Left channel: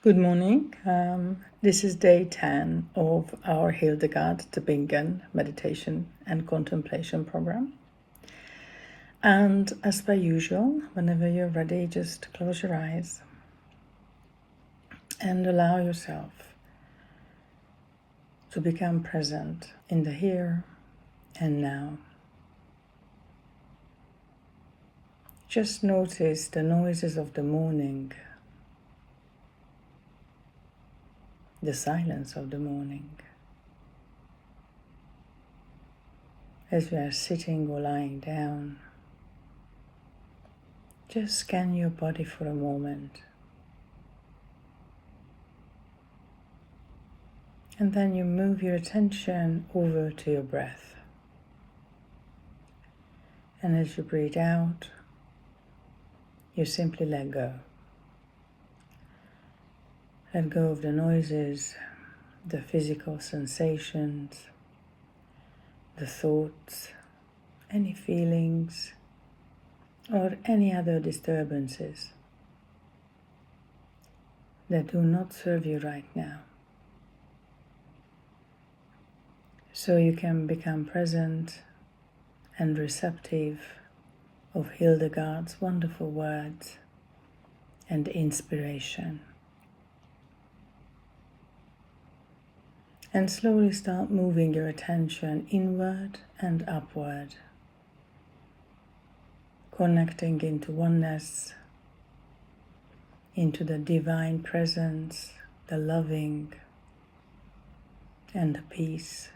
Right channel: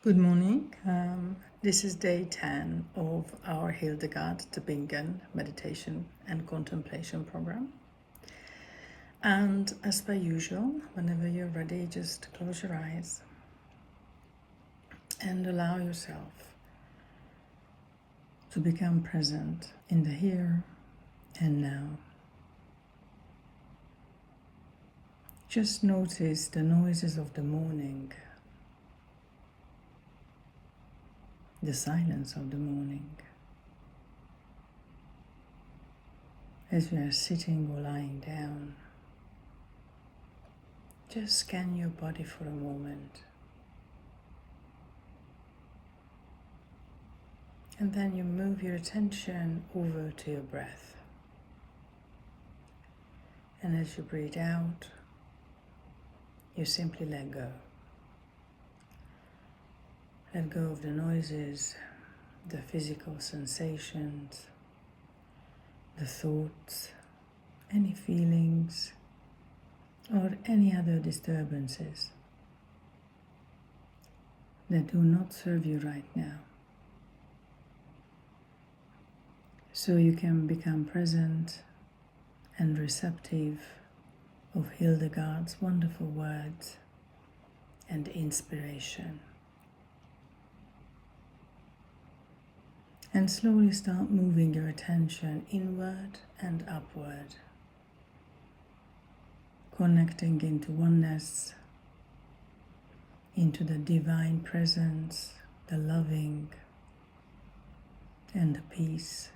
Good morning. This is day 10 of our Hildegard von Bingen meditation and contemplation program. And as per usual, whenever you're ready, just close your eyes and allow yourself to become present in the here and now. Just notice the noises of the morning, the silence of the morning, as we are sitting or lying down. Just scan your body for a moment, and then you move your attention over to your breath. And as you breathe out, you simply let go. Let go of the noises, the physical sensations, the thoughts, any feelings, or any other disturbances that do not serve you right now. So you can become present and receptive of Hildegard's wonderful words and inspiration. And slowly start moving your attention inward and upward, connecting into oneness, into the divine presence, the loving and the peace.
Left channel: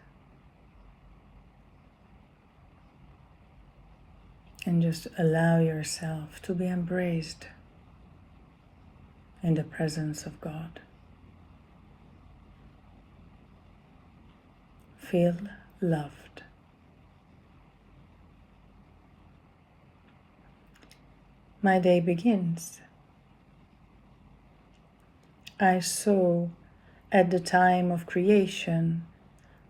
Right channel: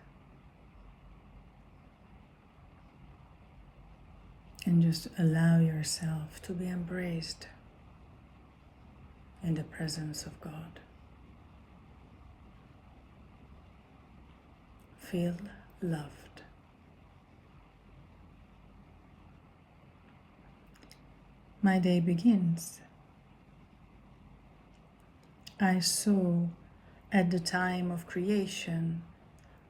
And just allow yourself to be embraced in the presence of God. Feel loved. My day begins. I saw at the time of creation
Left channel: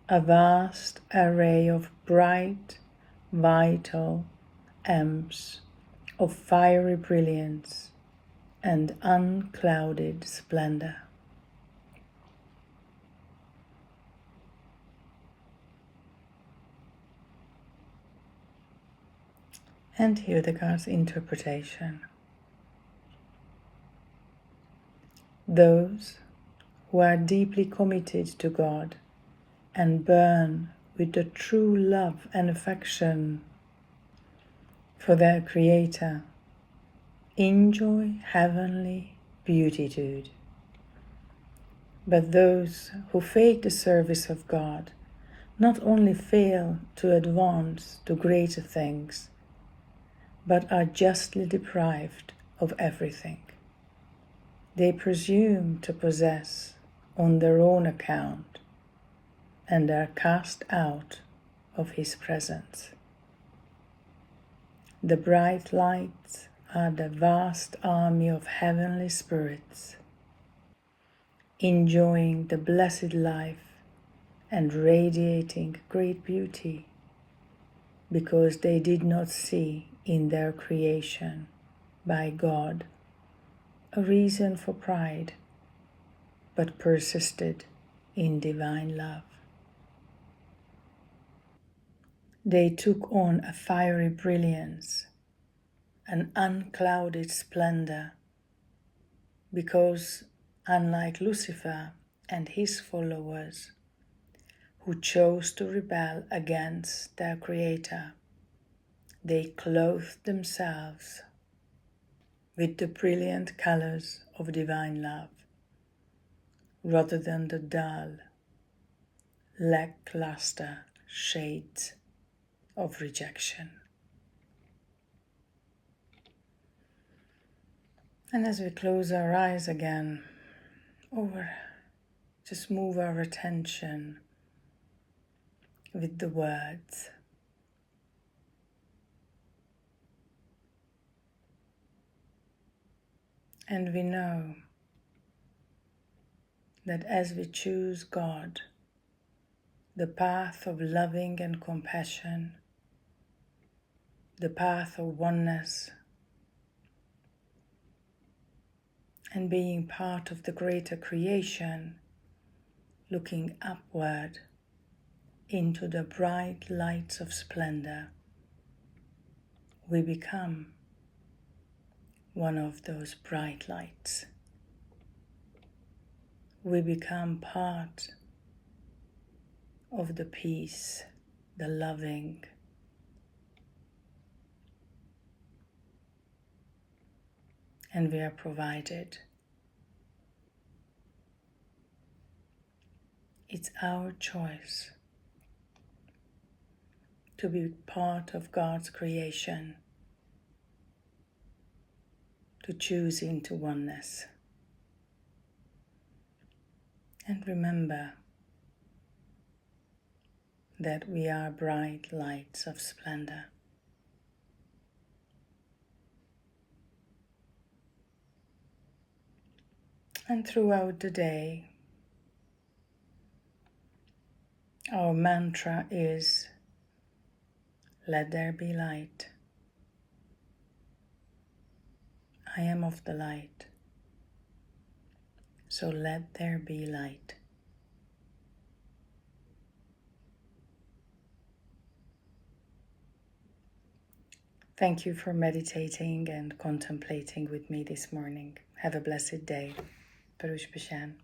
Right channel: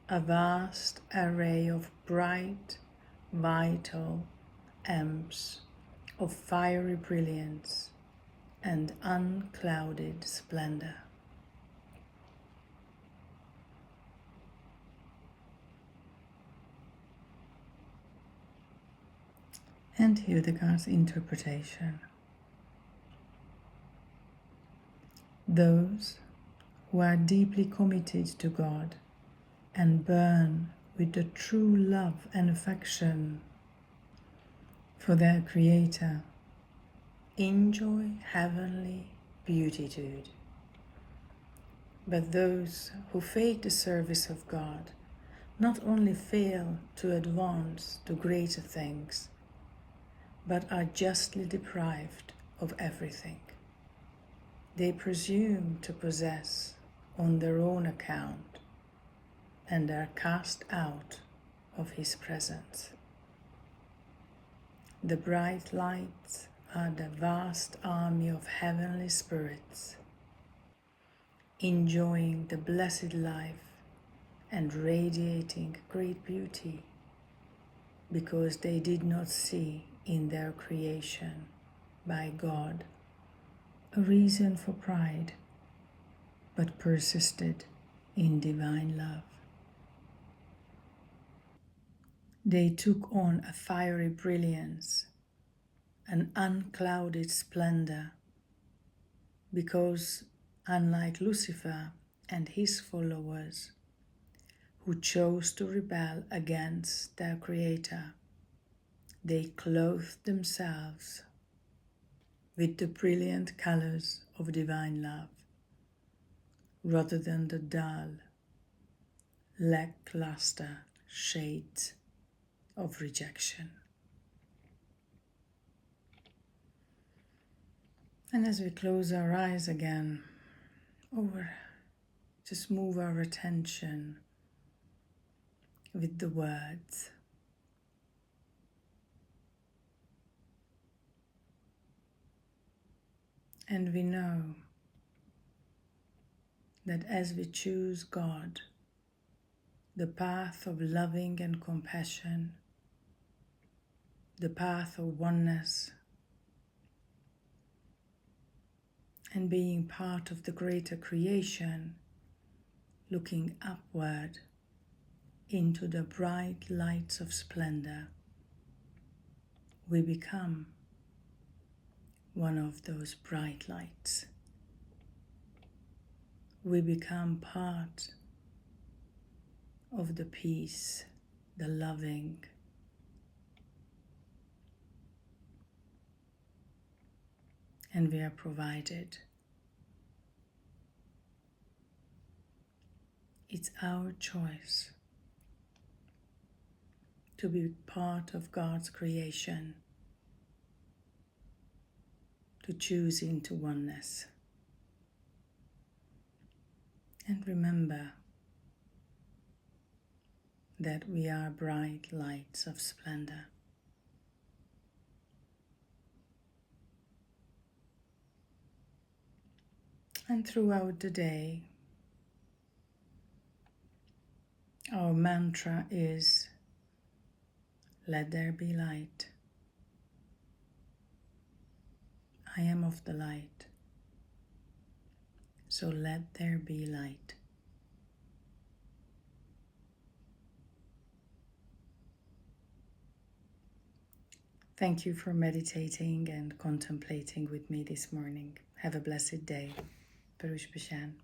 a vast array of bright, vital amps of fiery brilliance and unclouded splendor. And Hildegard's interpretation. Those who are deeply committed to God and burn with the true love and affection for their Creator enjoy heavenly beatitude. But those who fake the service of God not only fail to advance to greater things, but are justly deprived of everything. They presume to possess on their own account and are cast out of His presence. The bright lights are the vast army of heavenly spirits, enjoying the blessed life and radiating great beauty, because they did not see in their creation by God a reason for pride, but persisted in divine love. They took on a fiery brilliance, an unclouded splendor, because, unlike Lucifer and his followers, who chose to rebel against their Creator, they clothed themselves with the brilliant colors of divine love, rather than the dull, lackluster shades of rejection. And as we close our eyes again, just move our attention with the words. And we know that as we choose God, the path of loving and compassion, the path of oneness, and being part of the greater creation, looking upward into the bright lights of splendor, we become one of those bright lights. We become part of the peace, the loving, and we are provided. It's our choice to be part of God's creation, to choose into oneness. And remember that we are bright lights of splendor. And throughout the day, our mantra is, let there be light. I am of the light, so let there be light. Thank you for meditating and contemplating with me this morning. Have a blessed day. Baruch Bashan.